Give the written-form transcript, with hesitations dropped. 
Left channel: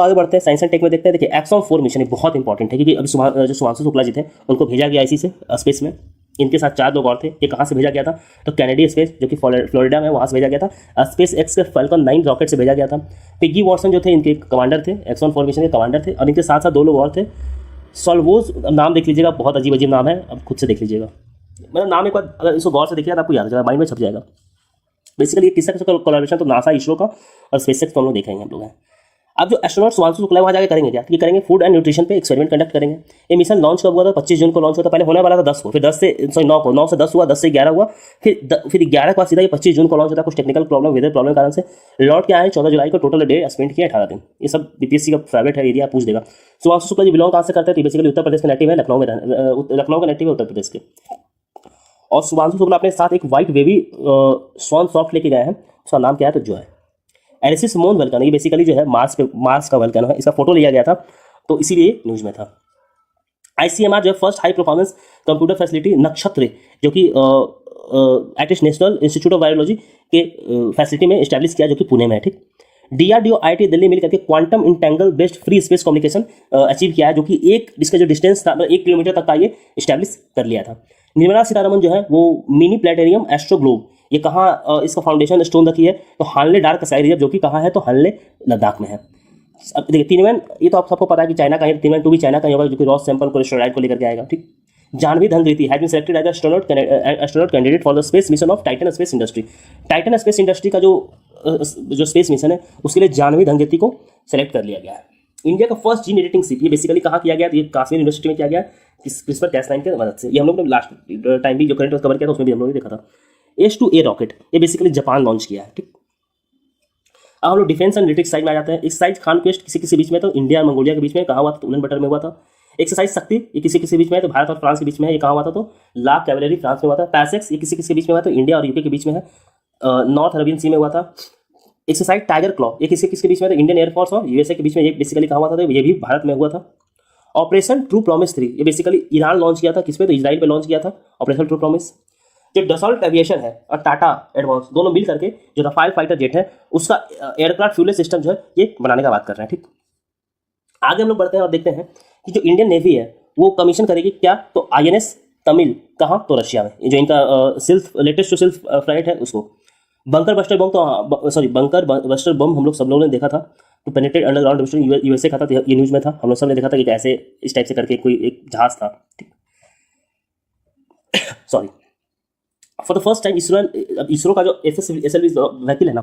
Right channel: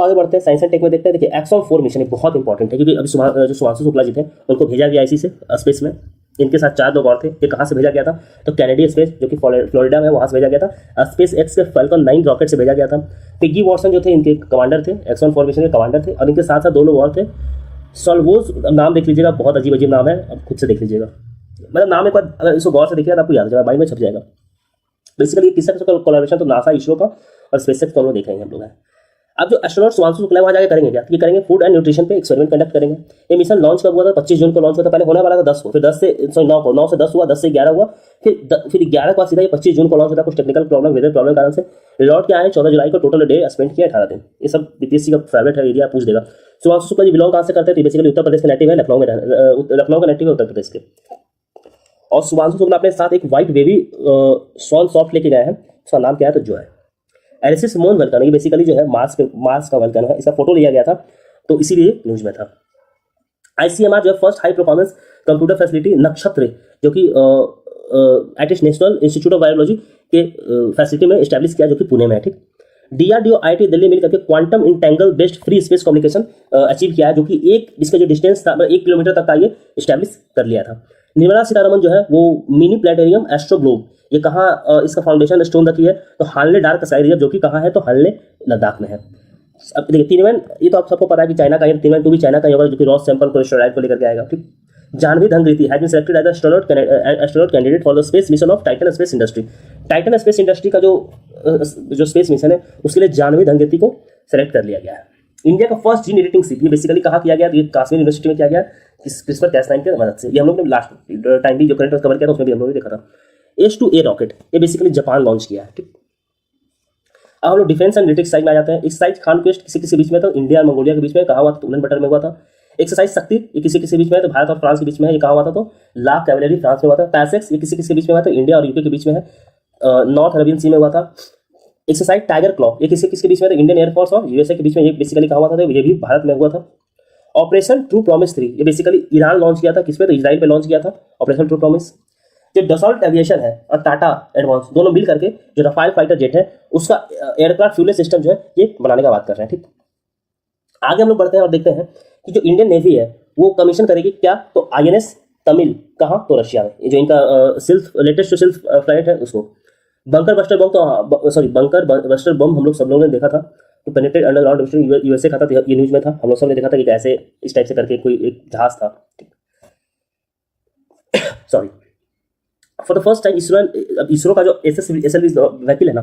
आगे बढ़ते हैं साइंस एंड टेक में, देखते हैं। देखिए एक्सॉन 4 मिशन बहुत इंपॉर्टेंट है, क्योंकि अभी जो शुभांशु शुक्ला जी थे उनको भेजा गया इसी से स्पेस में। इनके साथ 4 लोग और थे। ये कहाँ से भेजा गया था? तो कैनेडी स्पेस, जो कि फ्लोरिडा में, वहाँ से भेजा गया था। स्पेस एक्स के फाल्कन 9 रॉकेट से भेजा गया था। पिग्गी वॉटसन जो थे इनके कमांडर थे, एक्सॉन 4 मिशन के कमांडर थे। और इनके साथ साथ 2 लोग और थे। सोल्वोज नाम देख लीजिएगा, बहुत अजीब अजीब नाम है, अब खुद से देख लीजिएगा। मतलब नाम एक बार अगर इसको गौर से देखिएगा तो आपको याद हो जाएगा, माइंड में छप जाएगा। बेसिकली ये किसका कोलैबोरेशन? तो नासा, इसरो का और स्पेसएक्स दोनों देख रहे हैं हम लोग हैं। अब जो एस्ट्रोनॉट शुभांशु शुक्ला वहाँ जाकर करेंगे क्या? ये करेंगे फूड एंड न्यूट्रिशन पे एक्सपेरिमेंट कंडक्ट करेंगे। ये मिशन लॉन्च कब हुआ था? 25 जून को लॉन्च हुआ था। पहले होने वाला था 10 को, फिर 9 को, 9 से 10 हुआ, 10 से 11 हुआ, फिर 11 के बाद सीधा ये 25 जून को लॉन्च होता है। कुछ टेक्निकल प्रॉब्लम, वेदर प्रॉब्लम के कारण से लौट के आए 14 जुलाई को। टोटल डे स्पेंड किया 18 दिन। ये सब बीपीएससी का फेवरेट है, एरिया पूछ देगा। शुभांशु शुक्ला जी बिलोंग कहाँ से करते हैं? बेसिकली उत्तर प्रदेश के नेटिव है, लखनऊ का नेटिव है, उत्तर प्रदेश के। और शुभांशु शुक्ला अपने साथ एक व्हाइट बेबी स्वॉन सॉफ्ट लेके गए हैं। उसका नाम क्या है? तो जो है एलिसिस मोन वल्कन। ये बेसिकली जो है मार्स का वल्कन है। इसका फोटो लिया गया था, तो इसीलिए न्यूज में था। आईसीएमआर जो है first high performance computer facility Nakshatra, जो कि at national institute of biology के फैसिलिटी में इस्टेब्लिश किया, जो कि पुणे में है। ठीक। डीआरडीओ आईआईटी दिल्ली मिल करके quantum entangle based free space communication achieve किया है, जो कि इसका जो डिस्टेंस था 1 किलोमीटर तक का ये इस्टेब्लिश कर लिया था। निर्मला सीतारमन जो है वो मिनी प्लेनेटेरियम एस्ट्रोग्लोब, ये कहाँ इसका फाउंडेशन स्टोन रखी है? तो हानले डार्क स्काई रिजर्व, जो कि कहाँ है? तो हानले लद्दाख में है। अब देखिए तीनवें, ये तो आप सबको पता है कि चाइना का है। तीनवें 2 भी चाइना का ही होगा, जो कि रॉस सैंपल को एस्ट्रॉइड को लेकर के आएगा। ठीक। Jahnavi Dangeti has been selected as astronaut candidate for the space mission of Titan space industry. Titan space industry का जो स्पेस मिशन है उसके लिए जानवी धनगृति को सेलेक्ट कर लिया गया है। इंडिया का फर्स्ट जीन एडिटिंग सीप, ये बेसिकली कहाँ किया गया? तो ये कश्मीर यूनिवर्सिटी में किया गया, CRISPR-Cas9 की मदद से। ये हम लोग ने लास्ट टाइम भी जो करंट कवर किया था उसमें भी हम लोग ने देखा था। H2A रॉकेट, ये बेसिकली जापान लॉन्च किया है। ठीक। अब हम लोग डिफेंस एंड लिटिक्स साइड में आ जाते हैं। इस साइड खान क्वेस्ट किसी बीच में, तो इंडिया और मंगोलिया के बीच में कहा हुआ था, तो उलन बटर में हुआ था। एक्सरसाइज शक्ति, ये किसी बीच में है, तो भारत और फ्रांस के बीच में है, ये कहा हुआ था, तो ला कैवलरी फ्रांस में हुआ था। पैसेक्स, ये किसी बीच में हुआ, तो इंडिया और यूके के बीच में है, नॉर्थ अरेबियन सी में हुआ था। एक्सरसाइज टाइगर क्लॉ, ये किसके बीच में, तो इंडियन एयरफोर्स और यूएसए के बीच में ये बेसिकली कहा हुआ था, तो ये भी भारत में हुआ था। ऑपरेशन ट्रू प्रॉमिस 3, ये बेसिकली ईरान लॉन्च किया था, किस पे? तो इजराइल पे लॉन्च किया था ऑपरेशन ट्रू प्रॉमिस। जो डसॉल्ट एविएशन है और टाटा एडवांस दोनों मिल करके जो रफाल फाइटर जेट है उसका एयरक्राफ्ट फ्यूल सिस्टम जो है ये बनाने का बात कर रहे हैं। ठीक। आगे हम लोग बढ़ते हैं और देखते हैं कि जो इंडियन नेवी है वो कमीशन करेगी क्या? तो INS तमिल, कहाँ? तो रशिया में। जो इनका लेटेस्ट जो सिल्फ फ्लाइट है उसको। बंकर बस्टर बम, तो बंकर बस्टर बम हम लोग सब लोगों ने देखा था, तो पेनिट्रेट अंडरग्राउंड यूएसए का था, ये न्यूज में था, हम लोग सब ने देखा था कि कैसे इस टाइप से करके कोई एक जहाज था। Sorry. For the first time ISRO का जो SLV व्हीकल है ना